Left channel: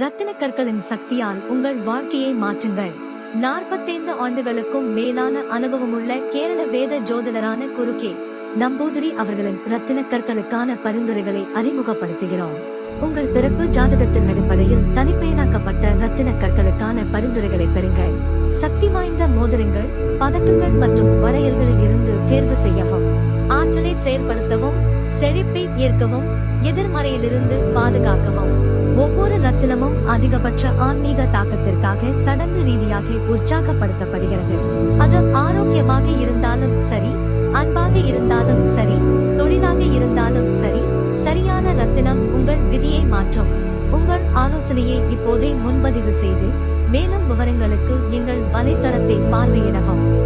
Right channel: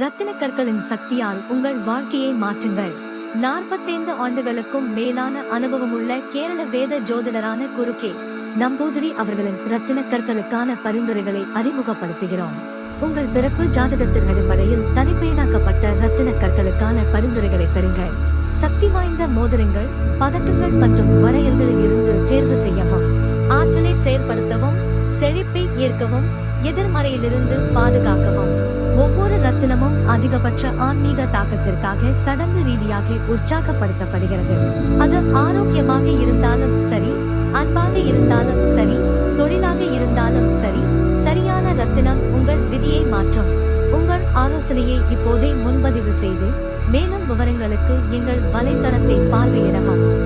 ரத்தின கற்களின் சக்தியால் உங்கள் வாழ்க்கையை மாற்றுங்கள். நாற்பத்தைந்து ஆண்டுகளுக்கும் மேலான அனுபவமுள்ள கேரள வேத ஜோதிடரான குருகே நம்பூதிரி அவர்களின் ரத்தின கற்களுக்கான பரிந்துரைகளை அறிமுகப்படுத்துகிறோம். உங்கள் பிறப்பு ஜாதகத்தின் அடிப்படையில் தனிப்பயனாக்கப்பட்ட ரத்தின கற்களுக்கான பரிந்துரைகளை பெறுங்கள். சக்தி வாய்ந்த மோதிரங்கள் பதக்கங்கள் மற்றும் வரையல்களில் இருந்து தேர்வு செய்யவும் ஆற்றலை செயல்படுத்தவும் செழிப்பை ஏற்கவும் எதிர்மறையிலிருந்து பாதுகாக்கவும். ஒவ்வொரு ரத்தினமும் அதிகபட்ச ஆன்மீக தாக்கத்திற்காக சடங்கு ரீதியாக உற்சாகப்படுத்தப்படுகிறது. அது ஆரோக்கியமாக இருந்தாலும் சரி அன்பாக இருந்தாலும் சரி தொழிலாக இருந்தாலும் சரி சரியான ரத்தினம் உங்கள் விதியை மாற்றும். உங்கள் ஆலோசனையை இப்போதே முன்பதிவு செய்து மேலும் விவரங்களுக்கு எங்கள் வலைத்தளத்தை பார்வையிடவும்.